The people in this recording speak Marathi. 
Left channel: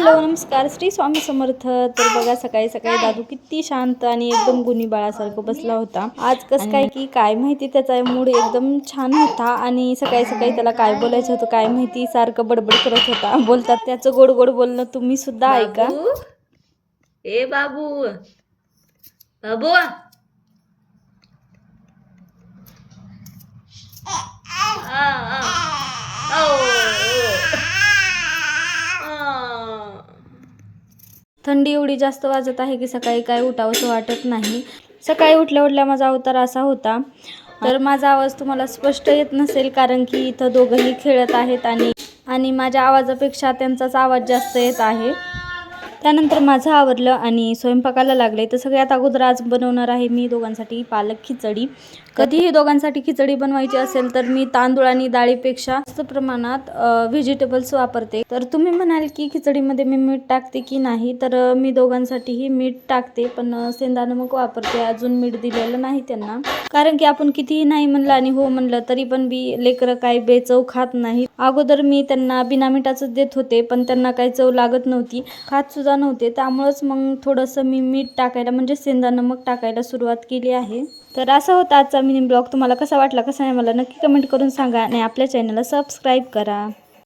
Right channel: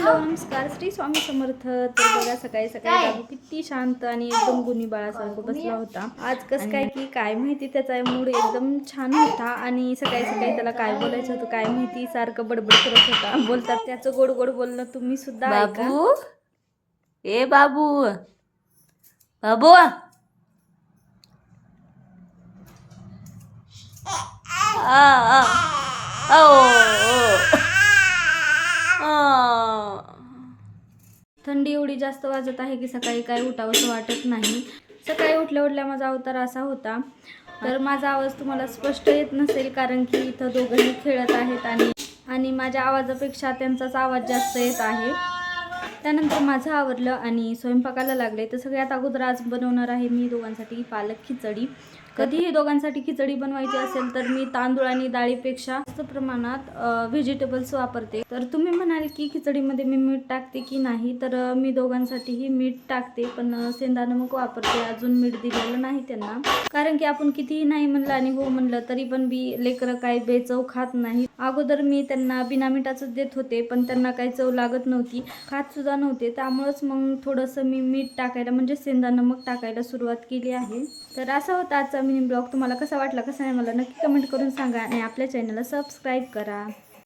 हॅलो नमस्कार, श्री स्वामी समर्थ. तर बघा सकाळी सकाळी दादू किती शांत आणि एकदम गुणी बाळासारखं बसला होता. आज कसं काय की काय माहिती, त्याचा मूड एकदम छान होता आणि सकाळी सकाळी त्याला काय बोलायचं होतं काय माहिती, सारखं बडबड करत होता. बोलतात त्याचं गोड गोड बोलणं तुम्ही सुद्धा ऐका. ए बाबू बाबू थंडी एवढी जास्त वाजत आहे की सकाळी काय उठावंसं वाटत नाही. सकाळी उठल्या उठल्या माझा अवतार असा होता. तर माझा आवाज तुम्हाला स्पष्ट येत नसेल कारण की इथं दोघंही खेळत आहेत आणि माझ्या आवाजापेक्षा त्यांचाच आवाज जास्त येत आहे. त्यानंतर माझं आवरलं आणि स्वयंपाकाला लागले. तर सगळ्यात अगोदर आज बनवणार आहे मी दोघांसाठी पालक खिचडी. कधीही दोघांसाठी खिचडी बनवायची असेल तर मी तांदूळ आणि डाळीपेक्षा जास्त प्रमाणात व्हेजिटेबल्स वापरते. तर तुम्ही म्हणाल की खिचडीमध्ये मी मीठ टाकते की नाही, तर मी दोघांसाठीही मीठ टाकते, पण सेंधा नमक वापरते. अजून मीठ दिलेलं नाही त्यांना, कारण की आपण कितीही नाही म्हणलं आणि हो म्हणलं तरी पण लेकरं काय बेचव खात नाही. अगोदर मी त्यांना बिना मिठाचंच देत होते, पण त्यांना काही चव लागत नव्हती, खात सुद्धा नव्हते. त्यामुळंच मग थोडंसं मी मीठ टाकायला म्हणजे सेंधा नमक टाकायला सुरुवात केली आहे. तर असा होता आजचा मिनी ब्लॉग. तुम्हाला कसा वाटला कसा नाही मला नक्की कमेंट करून सांगा आणि आपल्या चॅनलला सबस्क्राईब करा.